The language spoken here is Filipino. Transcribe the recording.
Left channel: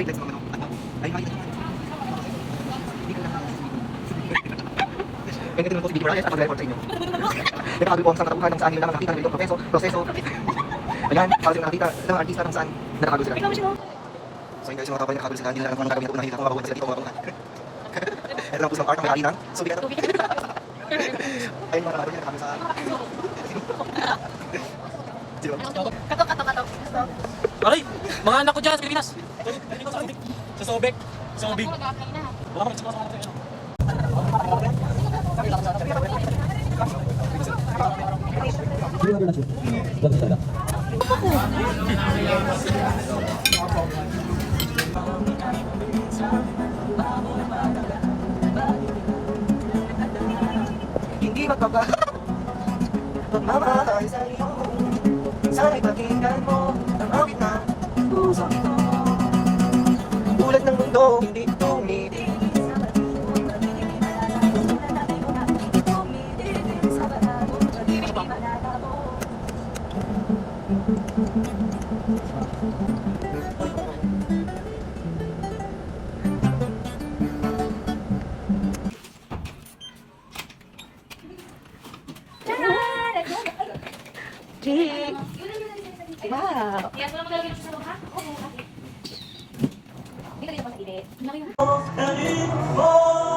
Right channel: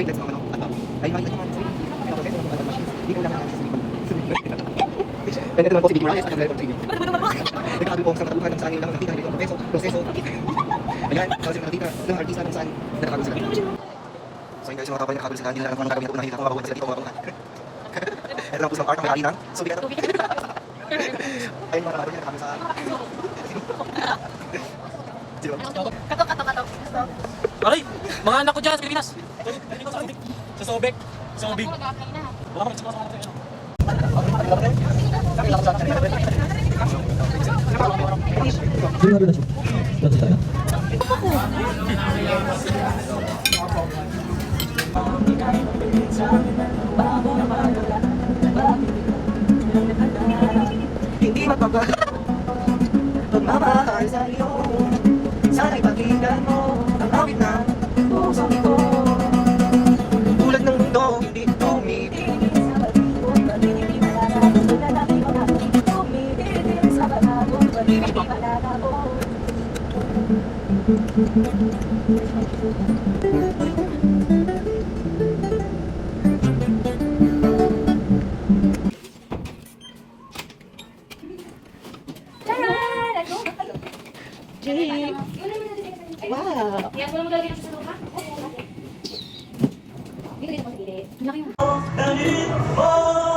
Wait, let's go. Ay, may naman. Hindi ko lang. Pwede naman po si Big Maria sa pag-report sa inyo. Nagkakabi po sa katapuhan ng saan nyo lang nakita ng ganitong proseso. Ayan, kasi yung nakita ng artista kung saan nakakagulo sila. So yun guys, yung mga kapal nakakagulo sila, hindi na alam kung anong gagawin na po nakita kung mababuhan sila dito o mababuhan. Ito lang po silang art ng may-ari ng Subic. Ayun mga kapal niya nakakagulo sa... Katok. Aray! Mga anak ko dyan sa Pilipinas! Sa Sobek! Sobig! Baka mag-sika sa mga tayo. Hindi magbabago pagmamahal sa'yo. Sana'y pakinggan mo ang awit na puso ito. Ulat ng mundo, hindi tumibig. Jake! Wow! Yan, wala mo talaga sa lupa? Oo. Hindi ko din mo sa gilid. Laki yung... Oh!